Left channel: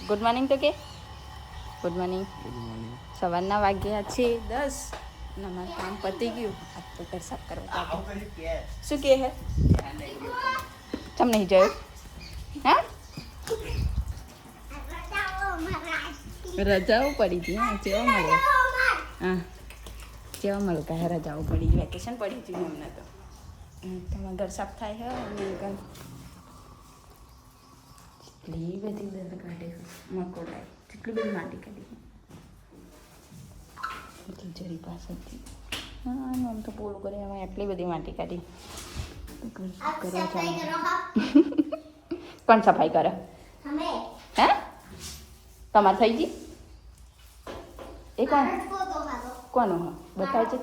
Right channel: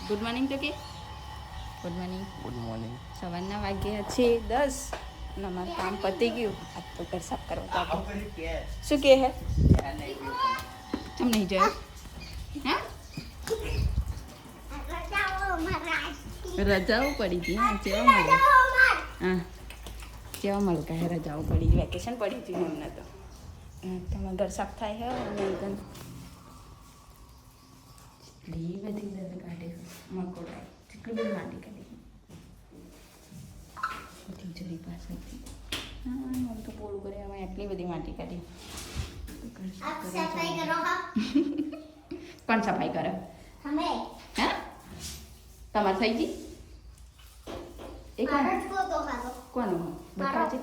Good morning તો કે good morning good morning સવારના વાગ્યા છે દસ અને અમારું કામ પતી ગયું. આ તો ઘર સાફ કરવા તો શું કે હે? તમ નહીં જોયું? હા? રજાઓ પડી હતી હા જેવા મળે. હા જેવા મળતા હે રજાઓ પડી ગઈ વેકેશન પડી હતી અમને તો. તમારા ઘર સાફ થાય હે? અને એટલી બધી દર્દ કાઢે મકોડાય કેટલી બધી માટી કાઢી તિજોરી પાસેથી હા આમ તો પૂરું કરી અમે એટલી બધી માટી કાઢી. કોણ સફાઈ કરે હે તમારે થઈ ગઈ એ કોણ કોણ બતાવજે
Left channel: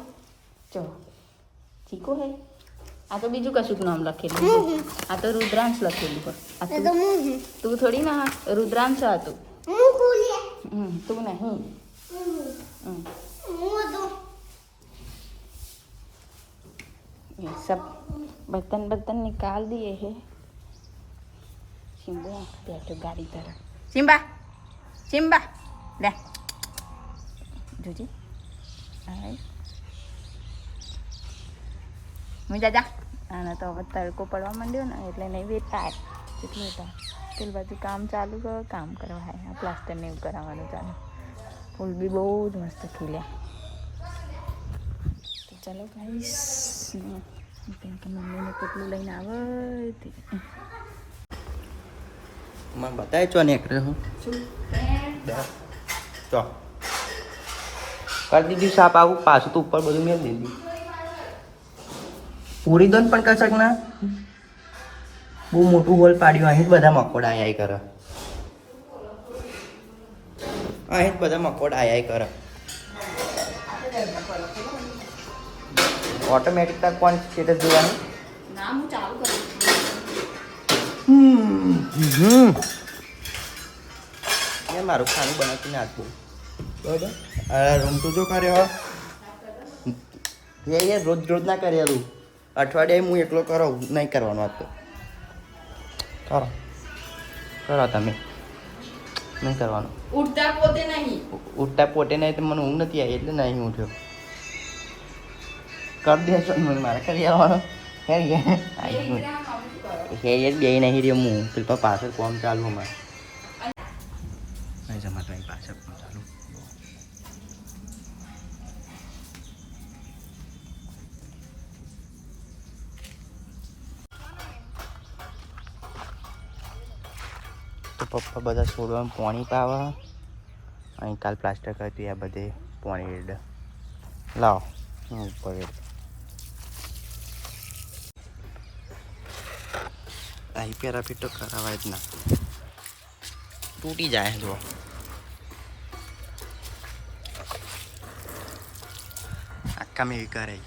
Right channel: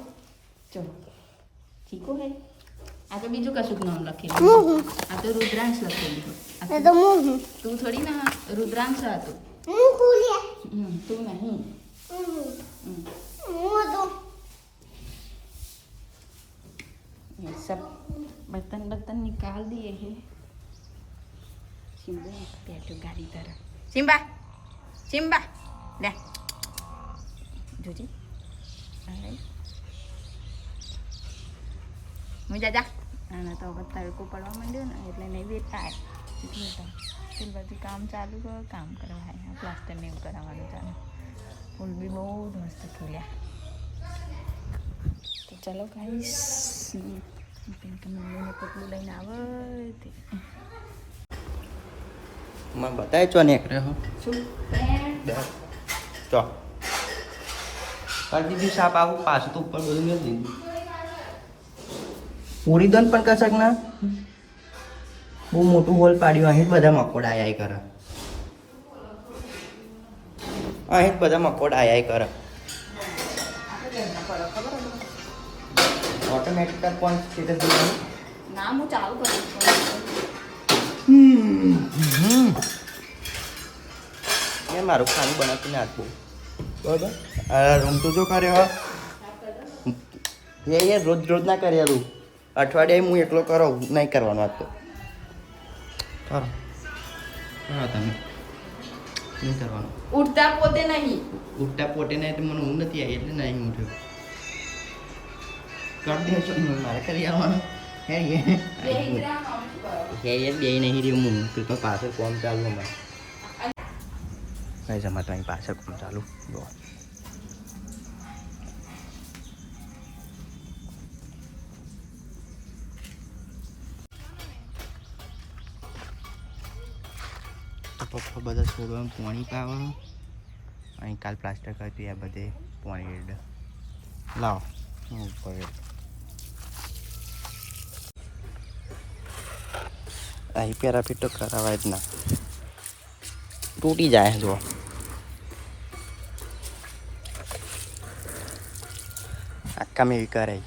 જો ચીકુ હે આ તો બીજું કશુંક નામ લખેલું છે. આ તો રુદ્રાંશ લખેલું હોય આ તું- તું થોડી ના રુદ્રાંશ હતું હમ, તું નહીં હમ. ये सब बर्तन बर्तन निकाल दिए हैं सिम्बा बैठो गाड़ी तरफ सिम्बा सिम्बा ले જોજી હાય હું જાજા આને તો હવે તડકો પડવા માંડ્યો ને એટલે નહીં વેચતા એટલે બેટા પેલી બાજુ કામ ચાલુ કરો કામ કરવા હાય પ્લાસ્ટર ને એવું કરાવવાનું ચાલુ. ફૂલ બી બહુ જ મસ્ત ખીલ્યા તો ચાલો કેમ મમ્મીને કેટલું લઈને આવે તે. માં બતાય ચો નીકળે હું શું? ચો. કરી દીધું સાપ આવું પાછું તો ઉપર બધું મેં દીધું. પૂરી પણ ના? બહુ મોટું હોલ પાડ્યું અહીં જ બધા મકોડા આયા કરે. અહીં જ બધા મકોડા આયા કરે. ઓટોમેટિક તો કોણ સ્ટેટસ જોવાનું? ના હું ચાલુ કરું હમ એ મારું ખાનું બનાવીને નાખવું બરાબર? આ રૂમ તો જો કર્યો? એ રોજ રોજ ના કરેલું અઠવાડિયે હું એકલો કરો નહીં કરવાનો તો. કરો. કરો તમે. નહીં કરવાનું. ઉઠતા પોતે નહીં. ઉઠતા પોતે નહીં તો મને ઊંઘ નથી આવી એટલે નહીં ઉઠ્યો કરી દેશો મને મારે કરી આવવાનો. હે હે. એ બે નહીં રહ્યો હું. કૃપા પાછળ કોમ ચાલુ અમારે. નહીં જમા અહીં પાછળ કોમ ચાલુ. તો પપ્પા બધા છોડવામાં પાણી પાવા. અહીં કાલ પ્લાસ્ટર કરતી આ બધે પાણી રેડ. લાવો ઉપર અહીં પેરાફિટ તો કરાવાય જ ના. તૂટી જાય જો આખા મેં કરાય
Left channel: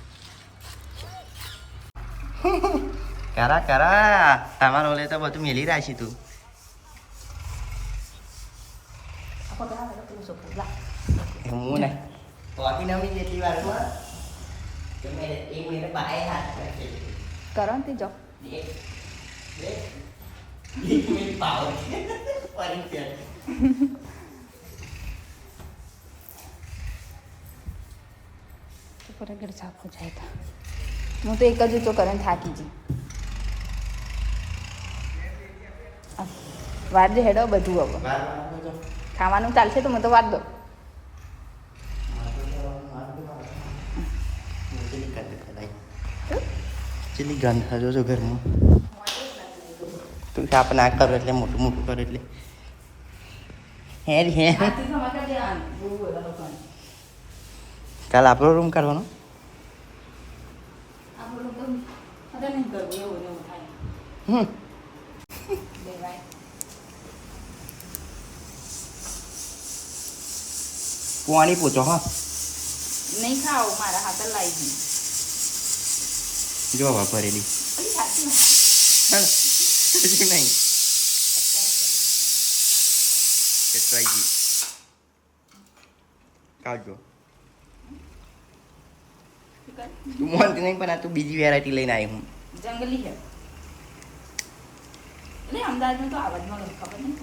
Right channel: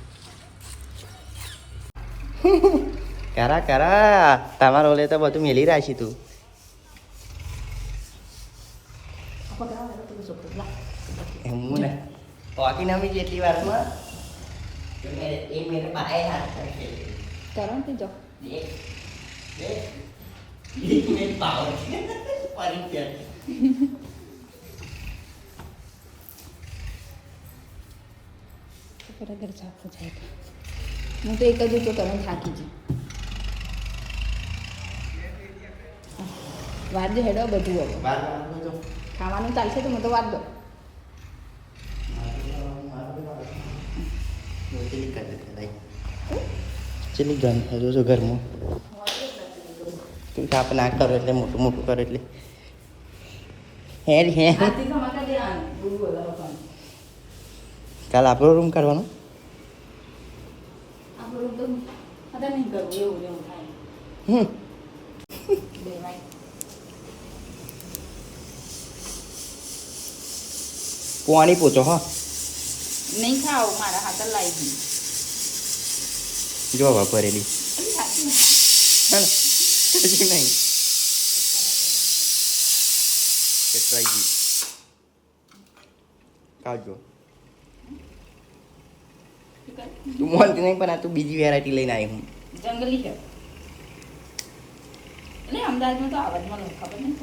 કરા કરા. તમારો લે તો બધું મેલી રાખી તું એમ હું ને હોકી નમી જેટલી વારમાં તો મેરે એ મેરે બાએ હાથ કરશે કરો ને તે જો હો તો એક જ તો કરન થાકી જી વાર જે હેડો બધું હવે ખાવાનું ચાલશે તો મને તો વાર દો ચેલી ગંધ હજો જો ઘરમાં. તું સાપ ના કરો એટલે મોટું મોટું કરે એટલે. હે હે. કાલ આપણો રૂમ કરવાનો? હમ. પાણી પૂછો હા. નહીં ખાઓ, મારા હાથ લાવી ગઈ જો. હજી નહીં. કેટલાઈ ગઈ કાઢજો. તું મોનતી નહીં પણ આ તું બીજી વેરાયટી લઈને આવી હું. જંગલી છે. અમદાવાદમાં તો આવાજમાં ખબર નહીં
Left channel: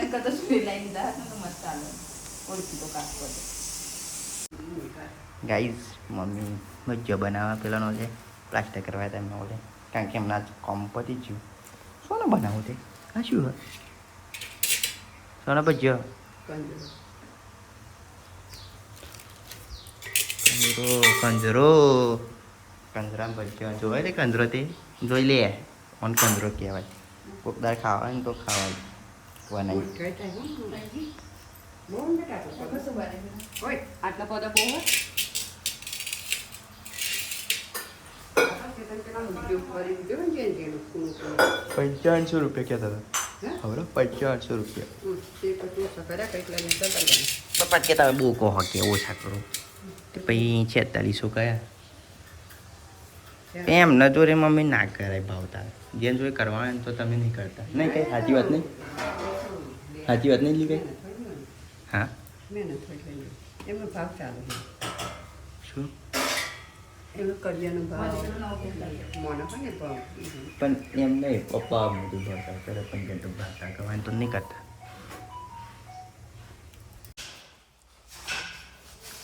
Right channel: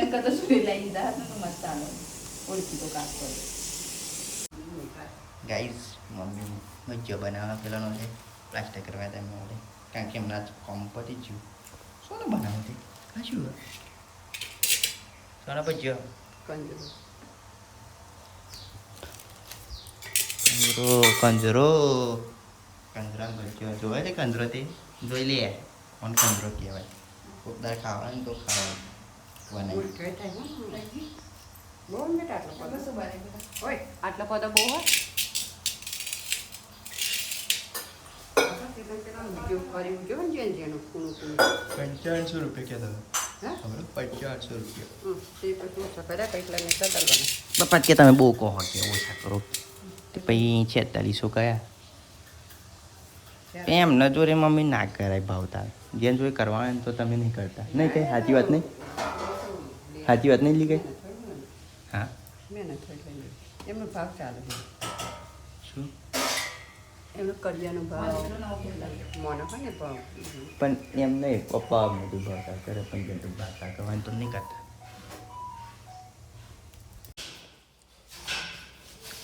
એમ કરતા સુઈ લઈ લીધા તો મસ્ત ચાલે ઓળખી તો કાપ પડે ગાઈઝ મમ્મી. ભજીયો બનાવવા પેલાનો છે પ્લાસ્ટર કરવા હતા ઓલે. કારણ કે હમણાં જ કોમ પતી ગયું. સોને બનાવું તે. આ શું સોના ભજીયો કંજરો. કંજરો કંજરા. ભજીયો જોઈ લે કંજરો તે? જોઈ લે. ઓન કંજરો કહેવાય. કોકદાર ખાવાનું તો ખાવાનું. બનાવી. આટલા પદો બહુ પંચાવનસો રૂપિયા કહેતા હતા. ખબર રૂપિયા. પણ કે તમે બહુ કહો કે ઓછા કરો. તો પછી છેતાલીસો કયા? એમ ન જોરે મમ્મી ના કરાય ભાવ તારે. જેમ જોઈ કરવાનું તો તમે નહીં કરતા. નહીં કઈ સાચી વાત નહીં? સાચી વાત નહીં લીધી હા? મહેનત એમનો ભાવ ચાલે શું? એમનો કરિયાનો ભાવ. મોનો હોય ને ભાવ. પણ એમ નહીં પપ્પા બધું ભરતા કરે પણ બધું ભરતા કરવાનું તો નહીં કરતા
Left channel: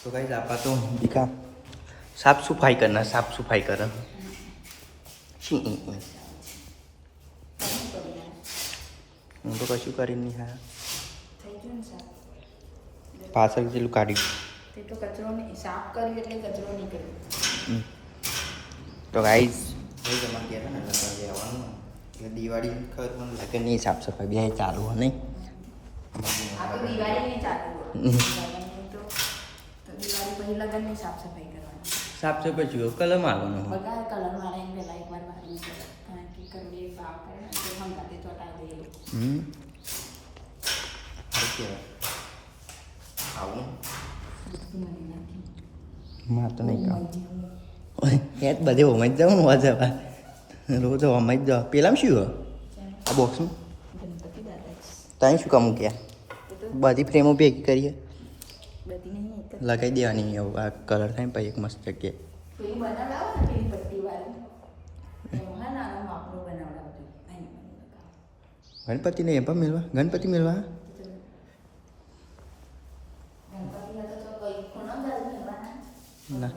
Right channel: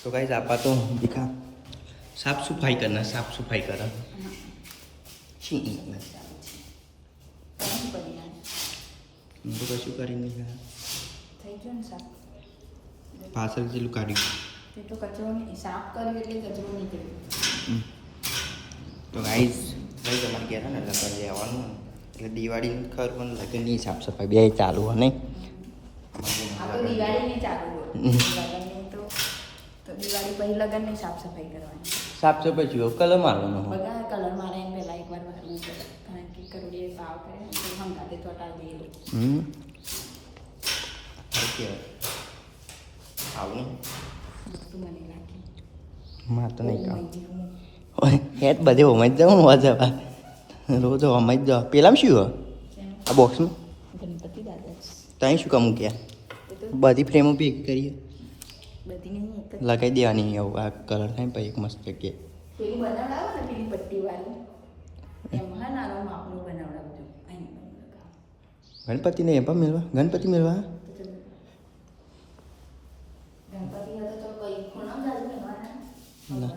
તો કઈ આપા તો દીકા. સાફ સફાઈ કરના સાફ સફાઈ કર. હું તો કશું કરી નહીં હા. પાછળ જેટલું કાઢ્યું. સાફ કર્યું એટલે કચરો નીકળ્યો. તો ગાઈઝ ભાઈ તમારે ગયા હતા ને લગ્ન લેવાનું હોય. એટલે દિવાળી ખરું પણ લગ્નની સાફ સફાઈ બે ચાલુ હોય નહીં. આ ચાલુ લગનની તો તો દિવાળી પછી લગનની સાફ સફાઈ કરવાની. સાફ સફાઈ જો કલર મારવાનો કલર મારે એને એકવાર મારવું કારણ કે કરોડીએ ભાવ કરે તો હંકાતે ચોટાડી દઈએ હમ. આવું. મને લાગે માર તો નહીં કામ ઓય, હેત બધે હોમાં જ જાઉં ને વાજવા રોજ હોમાં જ જાઓ પેલામાં શું હોય? આ બોક્સમાં ત્યાં શું કામ મૂક્યા? બધી ફ્રેમો ભેગી કરીએ લગાવી દેવાની એવું આ કલર થાય પછી એક મસ્ત જગ્યાએ. પેલી પેલી એમાં. ગણપતિને એ પણ મેળવા ગણપતિ મેળવા ગણપતિ હતો તો કઈ ખૂણો જ આવી જવાના. ના.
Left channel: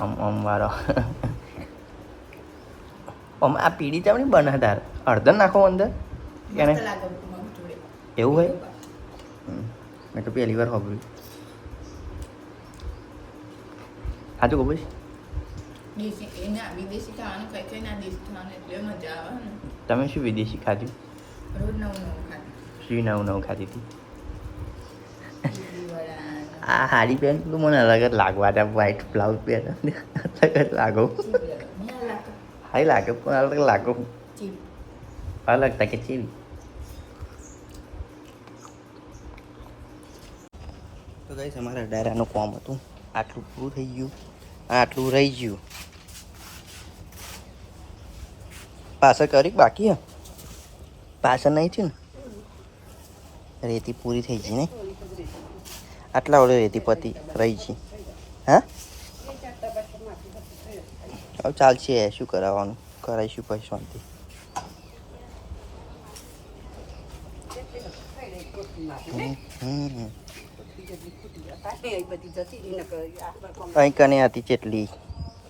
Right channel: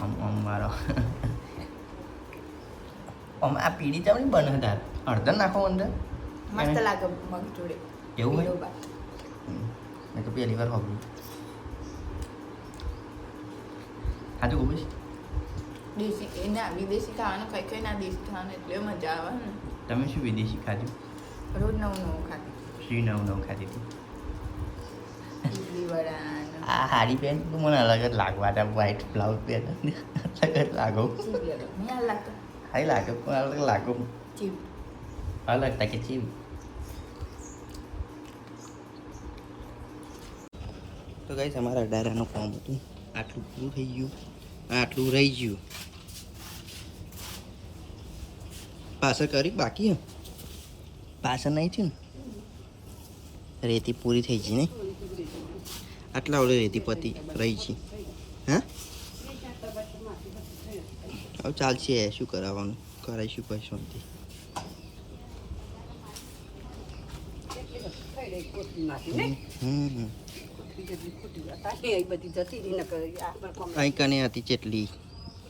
આમ આમ વાળો આમ આ પીળી ચમની બનાવતા અડધર નાખો અંદર. મસ્ત લાગે મગ જોડે. એવું હોય. મેં તો પહેલી વાર હોબી હા તો ખબર દેશી એના વિદેશી ખાવાનું કઈ કઈ ના દેશી ખાવાનું એટલે મજા આવે ને. તમે શું વિદેશી ખાધું? રોજ નવું નવું ખાતું શું નવું નવું ખાધી હતી. આ પહેન તો મને અલગ જ લાગવા હતા વ્હાઈટ બ્લાઉઝ પહેન અલગ જ લાગો. હાઈ લાગે પણ અલગ લાગો. અલગ તકે ચીવી તો કઈ અમારા ડાયરાનું કામ હતું. આટલું પૂરું થઈ ગયું. આટલું રહી ગયું. પાછળ કરી બાકી? હા પાછળ નહીં થયું ને? રેતી પૂરી થઈ ગઈ ને આટલા ઓલે રેતી પતી રહી છે. હા? હવે ચાલશે, શું કરાવવાનું? કરાવીશું પછી શાંતિ. અહીં કને હતી ચેટલી?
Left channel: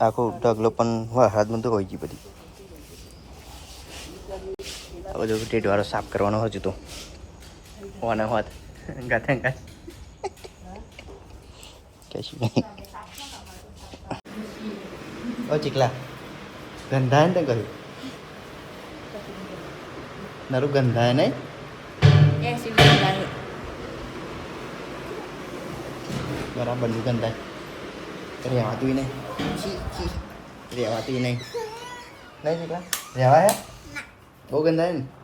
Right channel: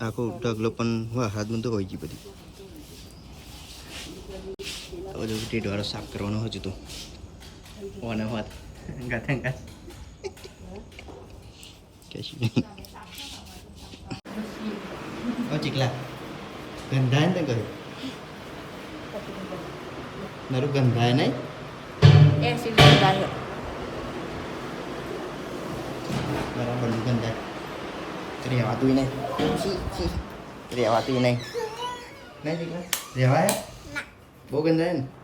આખો ઢગલો પણ વરસાદમાં તો હોય છે બધી. આ બધું ટેટવાળો સાફ કરવાનો હજુ તો. ઓના હોત ગાથે ગાથ કશું નહીં ઓ ચીકલા ગંધાય ને તે કહ્યું મારું ગંધાય નહીં એસી ગંધાય બરાબર ગંધાય રહેવાતું નહીં છી છી રહેવાતું નહીં નહીં ચીકલા રહેવાય બહુ ગંધાય ને આમ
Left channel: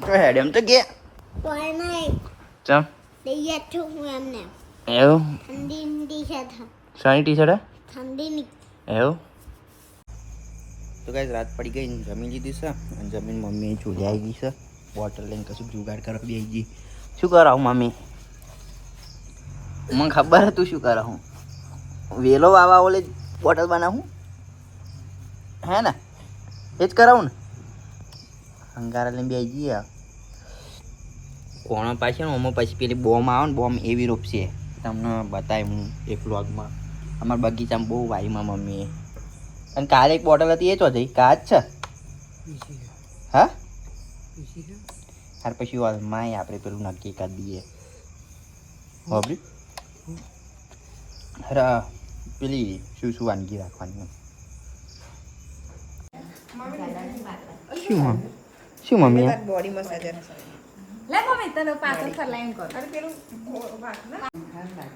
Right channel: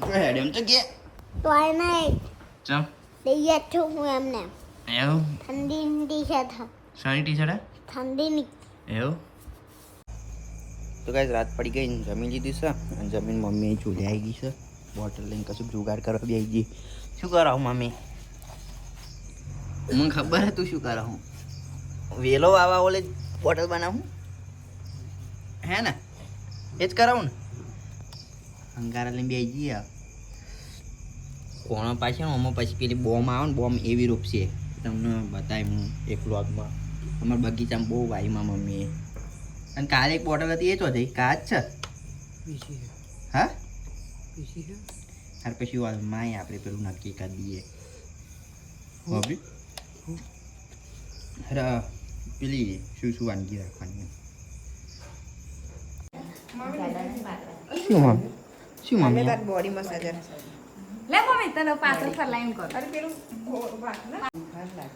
તો હેડ એમ તો ગયા Twilight, ચમ they yet took them now. એવું ઠંડી ટી શર્ટ શાની ટી શર્ટ ઠંડીની એવું તો કાંઈ રાત પડી ગઈ જમીન લીધી છે. અને જમીન મમ્મી ચૂલે આવી ગઈ છે. બોટલ લઈને કશું જુગાડ કરવા બી આવી ગઈ. શું કરાવું મમ્મી? મને ખબર હતું શું કરાવું. વેલો વાવા ઓલે બોટલ બનાવું. હે ને? એ જ કરાવું ને. અંગારા લઈને બે જઈએ. કોણો પાછળ? ઓમાં પછી પેલી બોમ આવે ને બોમ એવી રોપશે તમને બતાવી હું એક વ્લોગમાં. અમારા બગીચામાં બહુ વાયમાં મમ્મીએ. અને કાલે એક બોટલ હતી એ ચો જઈ કાચ છે? હા. ત્યાર પછી ઓલમાય આપણે પેલું નક્કી કરી દઈએ. હોબરી અરે પેલી શું શું વાનગી રાખવાની શું શું મમ્મી? બોડી મસાજર લે મમ્મી તને પાછળ ફરલાઈન કર અરે પેલું ભાર લાગે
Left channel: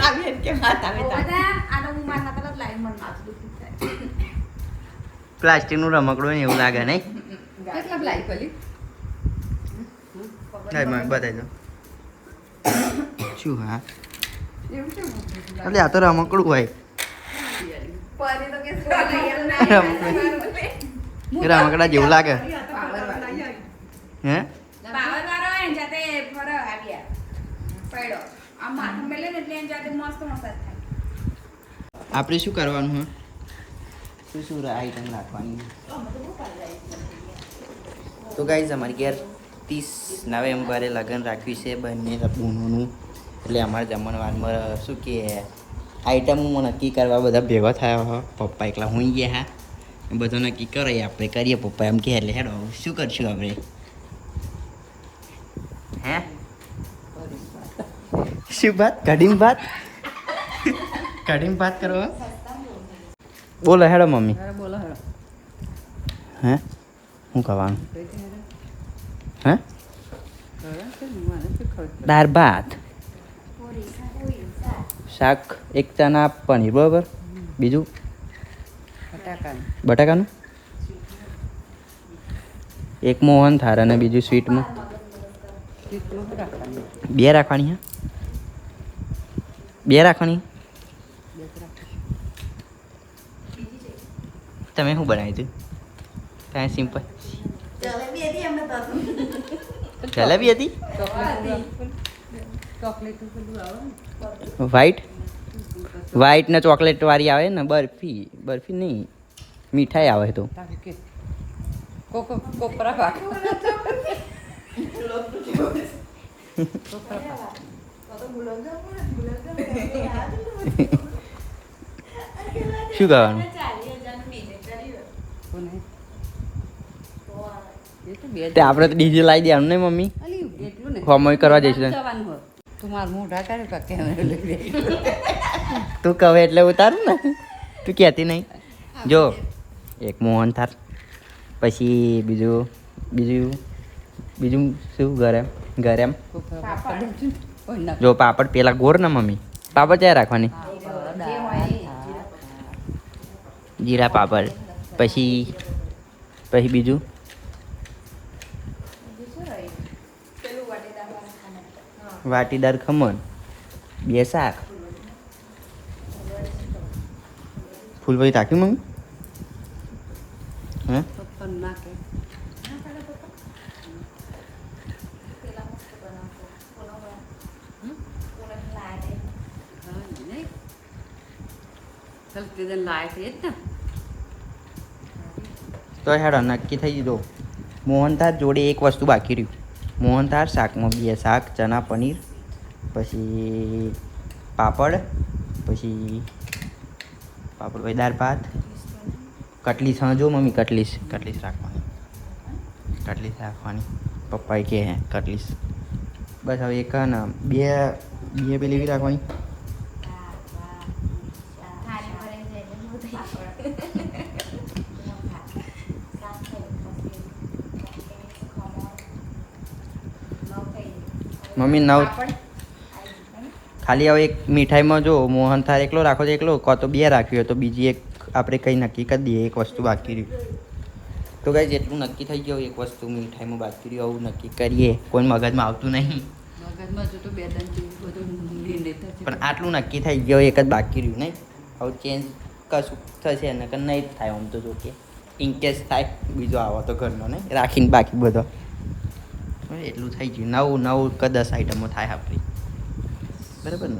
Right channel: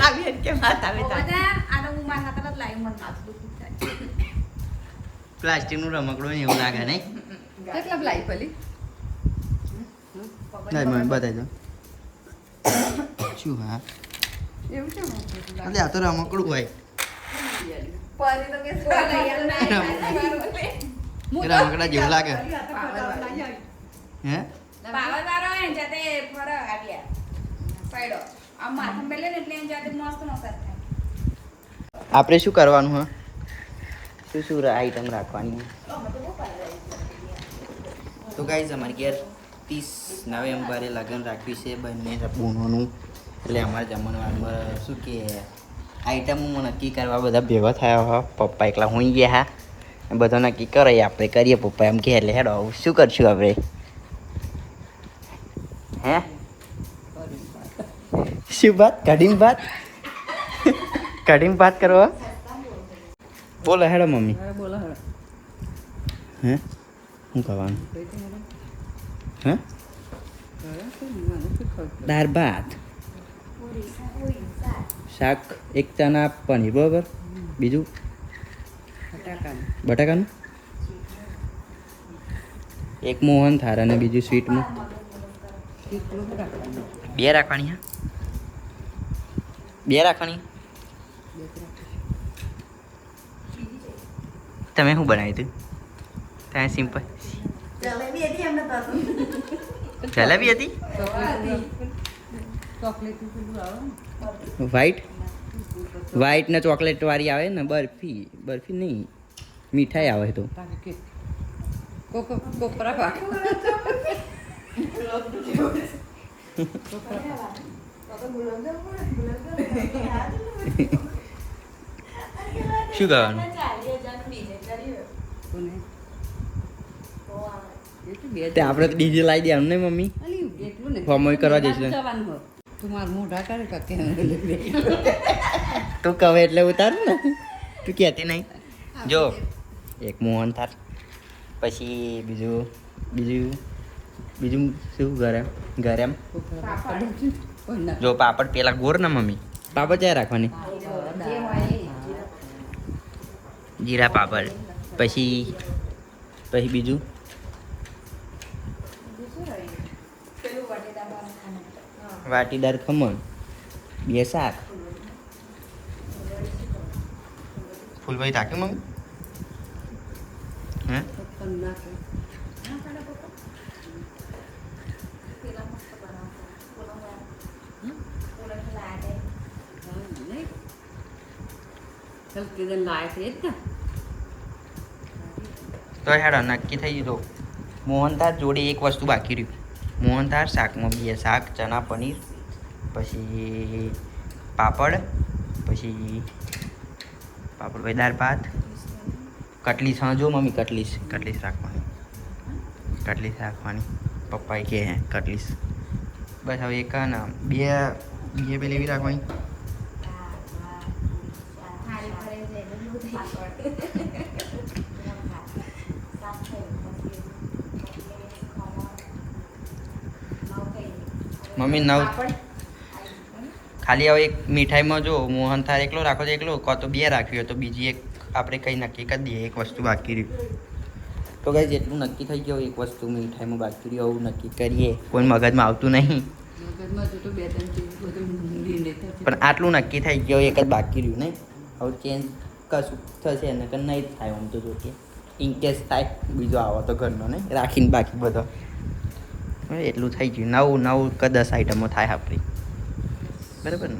આવી કે માતા આવે તા આ હું મારા હાથે લાઈન મન માથું દુખી થાય. પ્લાસ્ટિકનું રમકડું હોય ને એવું લાગે નહીં? કેટલા લાઈ પેલી? બતાવી શું હા? એટલે આ તો રમકડું હોય. પાણી સોલા રમકડા જેવું લાગે હે પાવર વાળો હોય જાતે ફરો આવ્યા પડ્યો આ માથું મેલે એટલે એની જાતે મસ્ત મસાજ થાય આપણે શું કરવાનું હા શું શું આઈટમ રાખવાની તો ગાઈઝ અમારે ઘેર ત્રીસ નવેમ્બરે લગ્ન રાખ્યું છે બંને બૂનોનું. એટલે અમારે જમણવારમાં શું કે આઈટમ નક્કી કરવા બધા ભેગા થયા હા. પપ્પા એકલા હોઈ ગયા હા. બધો નક્કી કરાય આપણે કરીએ પપ્પા એમ કે એટલે હેડો શું કરશું આપણે? હે? શું વાત કઢીમ ભાત? કઢીમ ભાત કરો? બોલો હેડો મમ્મી. બોલો હેડો. હે? શું કહેવાનું હે? દાળ ભાત. શાક એક ચણા પનીર બરાબર? બીજું? બટાકાનું. એક મોહન થાર અને બીજું સ્વીટમાં બે રાખવાની હા? બે રાખવાની. તમે શું બનાવ્યું હતું? કાંઈ સિમ્પલ જલેબી હતી ચોકલેટ પેલું આવે વ્હાઈટ વ્હાઈટ ને ચોકલેટ વાળી આવે ને બરફી. બરફી નહીં. મીઠાઈ આવે તો. તાકે કોપરા પાક શું તો આપણે તો ડીજે લાવી દેવાનું ને મમ્મી? અલી એટલું ને. હોમવર્ક કરવા જઈશું. ને. તું મારું મોઢા કરે કાકે તું કહે એટલે ઉતારું ને. તું કહેતી નહીં. જો. એક મોહન થાળ પછી બીજું બીજું બીજું શું ઘરે? ઘરે એમ? જો પાપડ પેલા ગોર ના મમ્મી. પાપડ ક્યાં રાખવાની? જીરા પાપડ. પછી પછી બીજું? વાટીદાર ખમણ. બે શાક. ફૂલભાઈ રાખ્યું મમ્મી? હે ને તો હેડો, નક્કી થઈ ગયું મોહનથાળ જોડે એક વસ્તુ બાકી રહ્યું. મોહનથાળ, શાકમાં બે શાક, ચણા, પનીર, પછી પાપડ પછી પાપડ પછી દાળ, ભાત કટલીસ હા મમ્મી કટલીસ કટલીસ રાખવાની. કટલીસ રાખવાની. પપ્પાએ કહે હે કટલીસ બસ હવે એક ને, બે બે પેલી એવી રાખવાની. મમ્મી, નવ ખાલી હવે એક મીઠાઈમાં જો મોહન થાર એકલો રાખો તો એકલો, કાં તો બે રાખ્યો તો બીજી એક આપણે કંઈ નક્કી કરી દઈએ એક વસ્તુ બાકી રહ્યું. તો કઈ જેટલું નક્કી થઈ ગયું એક વસ્તુ મીઠાઈમાં બાકી રહ્યું આવું નક્કી કરીએ. કોઈ મગજમાં આવતું નહીં. પણ આટલું નક્કી થઈ ગયું એક જ બાકી રહ્યું નહીં? હવે ચેન્જ કશું થશે ને કે નહીં જ થાય આમ તો જો કે. ઇનકેસ થાય બીજો આવો તો ઘરનો નહીં? રાખીને બાકી બધો. એટલું થઈ ગયું. નવ નવ કે દસ આઈટમો થાય આપણી. બરાબર ને?